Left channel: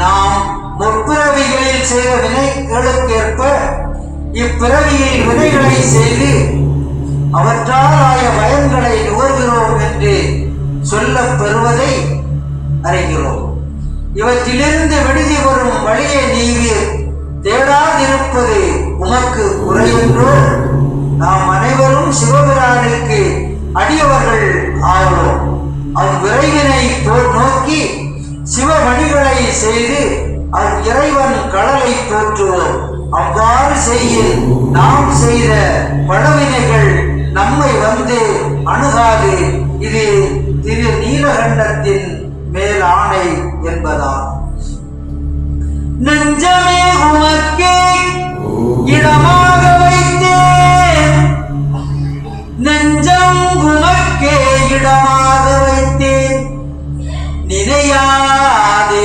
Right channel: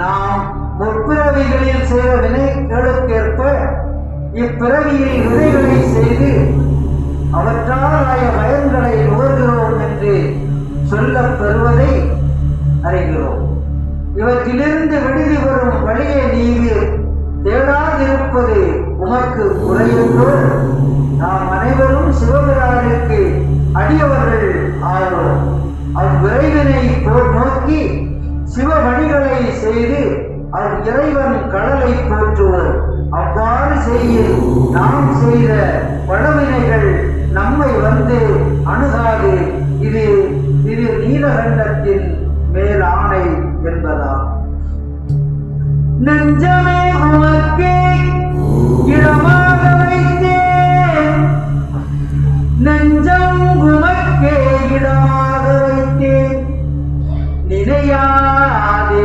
நாம் முற்பிறவிகளில் செய்த வினைகளுக்கேற்ப இப்பிறவியில் வினைகளை செய்து அவற்றால் ஆய பயன்களை நுகர்கிறோம் என்று சொல்லப் பெறுவதை அறிகிறோம். இவற்றிலிருந்து விடுதி வரும் வழியை நீவீர் தேடாதிருப்பது உமக்கு குறையென்றோ? நாம் அனைவரும் சிவபிரானுக்கு அடியவர்கள் ஆகிறோம். அவ்விரைவினை நோக்கி சிவவணிகளை செய்து இறைவன் கடலை போற்றுவோம். அவ்வாறு செய்ய நாம் செய்த பழவினைகள் நம்மை வந்து அணுகாது. இது திரு நீலகண்டத்தின் மேல் ஆணை என்பதால் நெஞ்சமே உமக்கே இடமாக வைத்தேன், நெஞ்சம் உமக்கே இடமாக வைத்தேன், நினையாது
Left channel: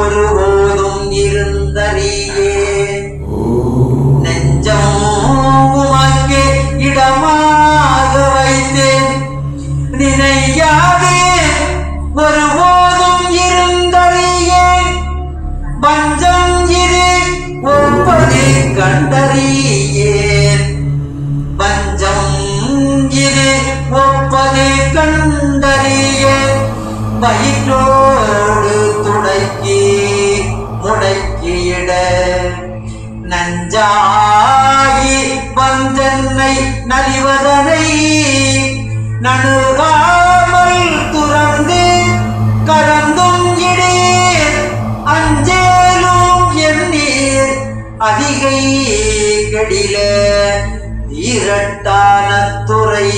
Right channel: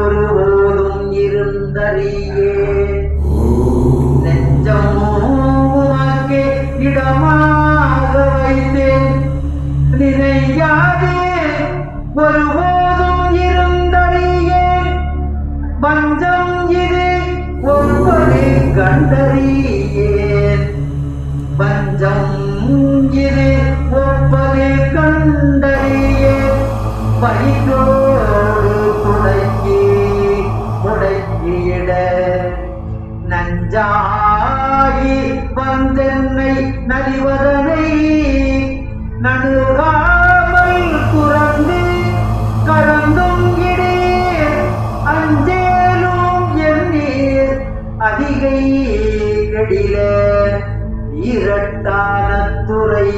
ஒருபோதும் இருந்தறியே. நெஞ்சம் உமக்கே இடமாக வைத்தேன், நினையாது ஒருபோதும் இருந்தறியேன். பஞ்சம் இது ஒப்பது கண்டறியேன், பஞ்சம் இது ஒப்பது கண்டறியேன். வயிற்றோடு துடைக்கி முடக்கியிட நஞ்சாகி வந்தென்னை நலிவதனை நணுகாமல் துறந்து கறந்தும் இடீர். அஞ்சேலும் எண்ணீர் அதிகை கெடில ஈரட்டான துறை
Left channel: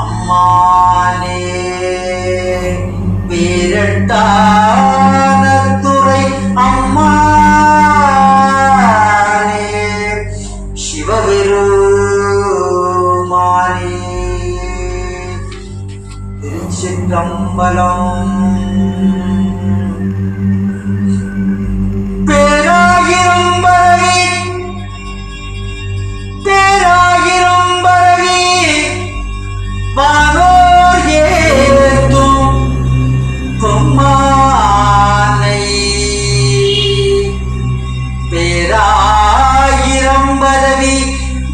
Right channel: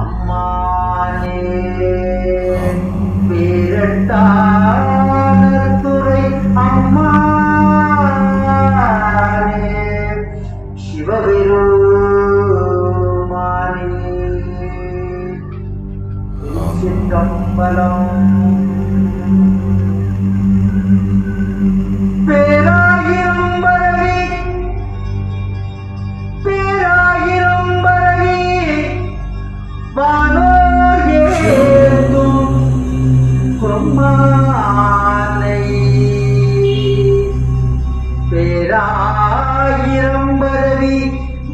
அம்மானே. வீரட்டான துறை அம்மானே சிவபெருமானே. திருச்சிற்றம்பலம். பேராயிரம் பரவி பேராயிரம் பரவி வானோர் ஏத்தும் பொம்மானை. பேராயிரம் பரவி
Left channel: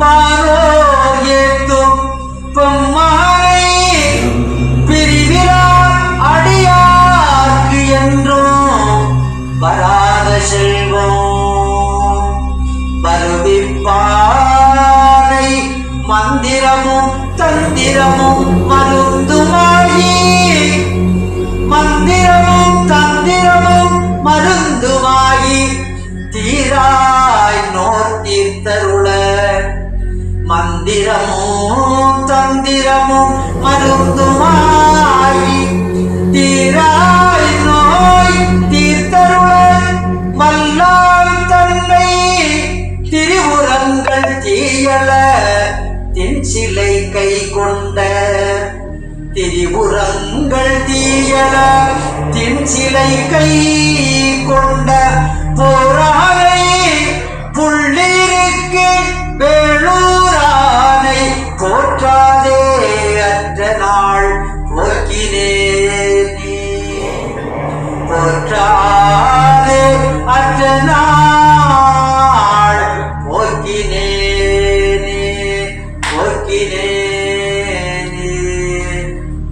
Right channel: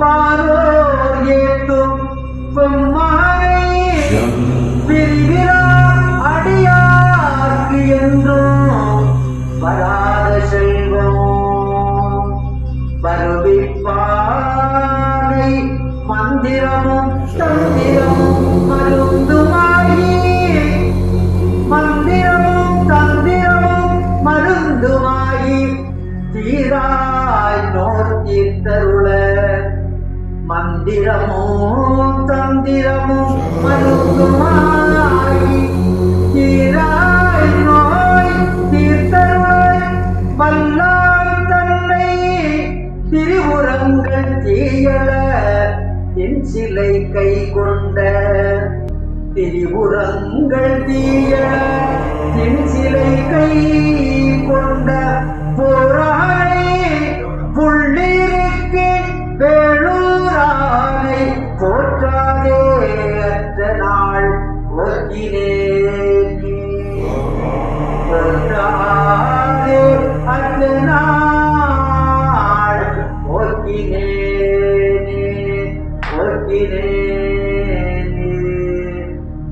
வானோர் ஏத்தும் பொம்மானை பிரிவிலா அடியார்க்கு என்றும் வராத செல்வம் வருவிப்பானை. மந்திரமும் தந்திரமும் மருந்துமாயி, மந்திரமும் தந்திரமும் மருந்துமாயி தீராய் நோர் தீர்த்தருள. மந்திரமும் தந்திரமும் மருந்துமாயி தீராய் நோய் தீர்த்தருள. வல்லாய் தன்னை திரிபுரங்கள் தீயல தென்சிலை கை கொண்ட. திரிபுரங்கள் தீயல தென்சிலை கை கொண்ட போரானை புள்ளிருக்கு வேளூரானை போற்றாதே அற்ற நாள் போக்கினேனே. போற்றாதே அற்ற நாள் போக்கினேனே போக்கினேனே.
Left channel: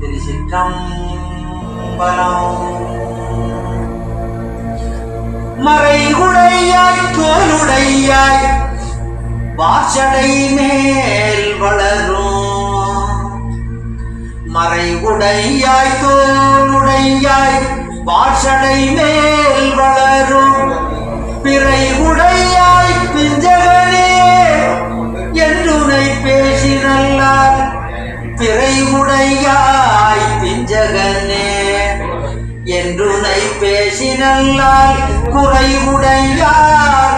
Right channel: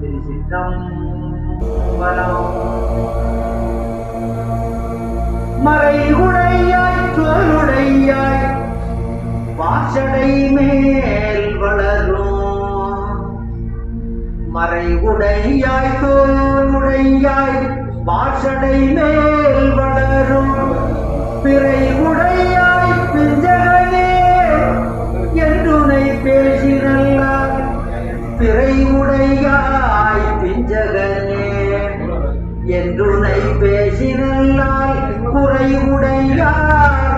திருச்சிற்றம்பலம். மறைகுடையாய் தோளுடையாய் வாசடை மேல் வளரும். மறைகுடையாய் தோளுடையாய் வாசடை மேல் வளரும். பிறைகுடையாய் பிஞ்சகனே என்றுனை பேசினல்லார். பிறைகுடையாய் பிஞ்சகனே என்றுனை பேசினல்லால் குறைவுடையார்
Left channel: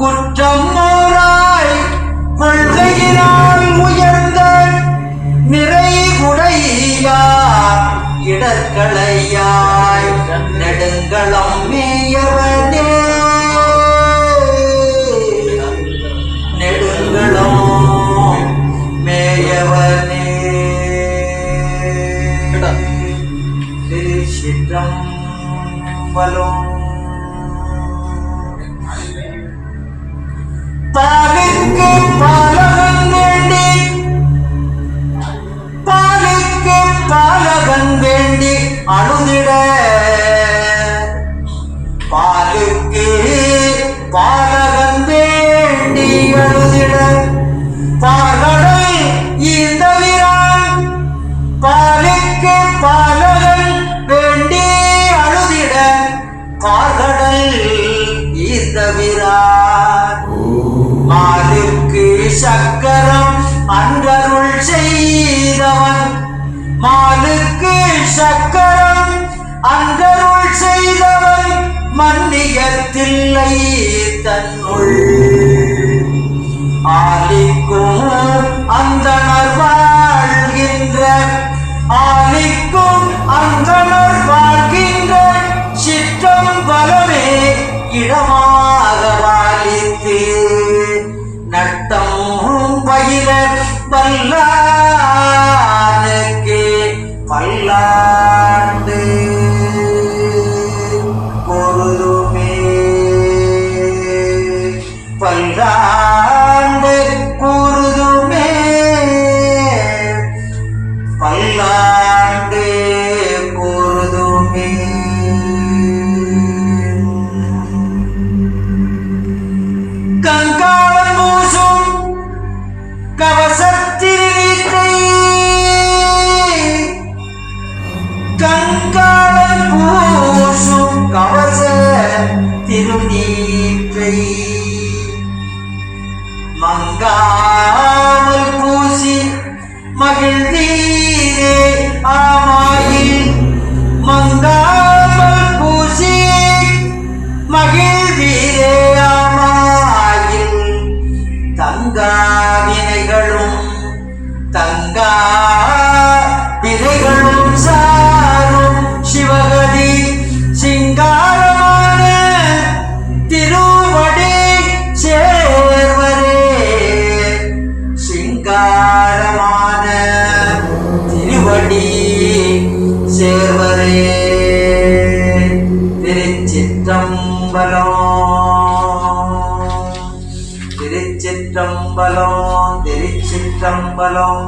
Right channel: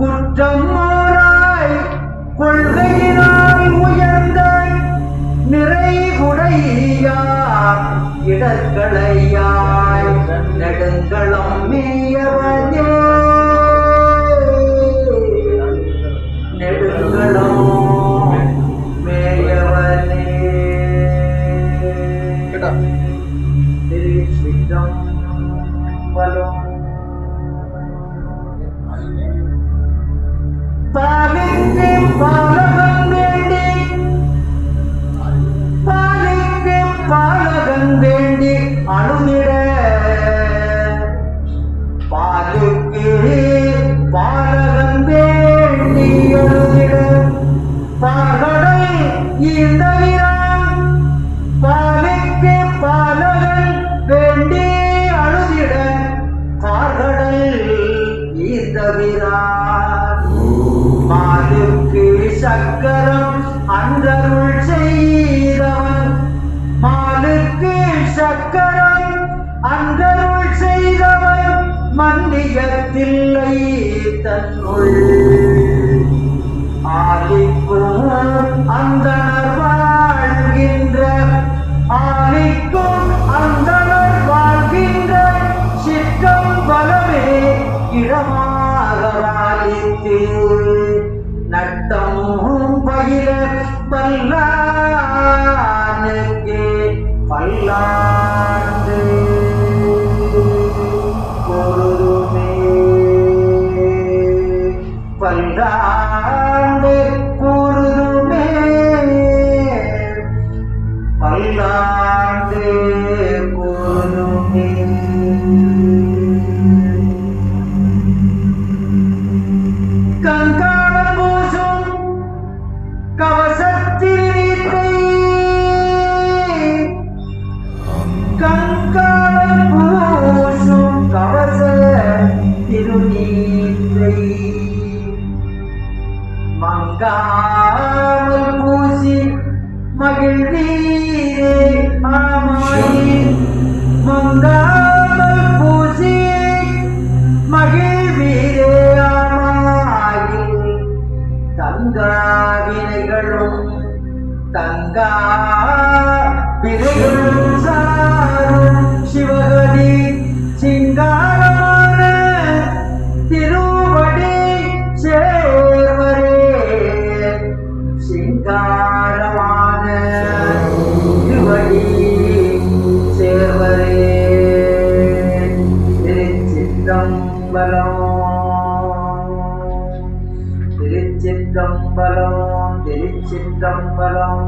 குற்றம் மோராய் கொள்கையினால் உயர்ந்த நிறைகுடையார் இடர்களையாய் நெடுங்களம் மேயவனே. நெடுங்களம் மேயவனே. திருச்சிற்றம்பலம். பாலுக்கு பாலகன் வேண்டி பாலுக்கு பாலகன் வேண்டி அழுதிட பாலுக்கு பாலகன் வேண்டி அழுதிட பால்கடல் இந்த வீரான் பாலுக்கு பாலகன் வேண்டி அழுதிட பால்கடல் இந்த வீரான் மாலுக்கு சக்கரம் அன்றருள் செய்தவன் மாலுக்கு சக்கரம் அன்றருள் செய்தவன் மன்னியத்தில்லை தன்னுள் ஆலிக்கும் அந்தனர் வாழ்கின்ற ஆலிக்கும் அந்தனர் வாழ்கின்ற சிற்றம்பலமே இடமாக வாலித்து நட்டம் பயில பல்லானுக்கு பல்லாண்டு பொருதுமே பல்லாண்டு கூறுதுமே பல்லாண்டு கூறுதுமே கங்காளன் பூசும் கவசத்திருநீற்றை கங்காளன் பூசும் கவச திருநீற்றை மங்காமல் பூசி மகிழ்ந்தீரே ஆமாயில் மங்காமல் பூசி மகிழ்ந்தீரே ஆமாயில் தங்கா வினைகளும் தங்கா வினைகளும் சாரும் சிவகதி சிங்காரமான திருவடி சேர்வரே சிங்காரமான திருவடி சேர்வரே திருச்சிற்றம்பலம் திருச்சிற்றம்பலம் திருச்சிற்றம்பலம்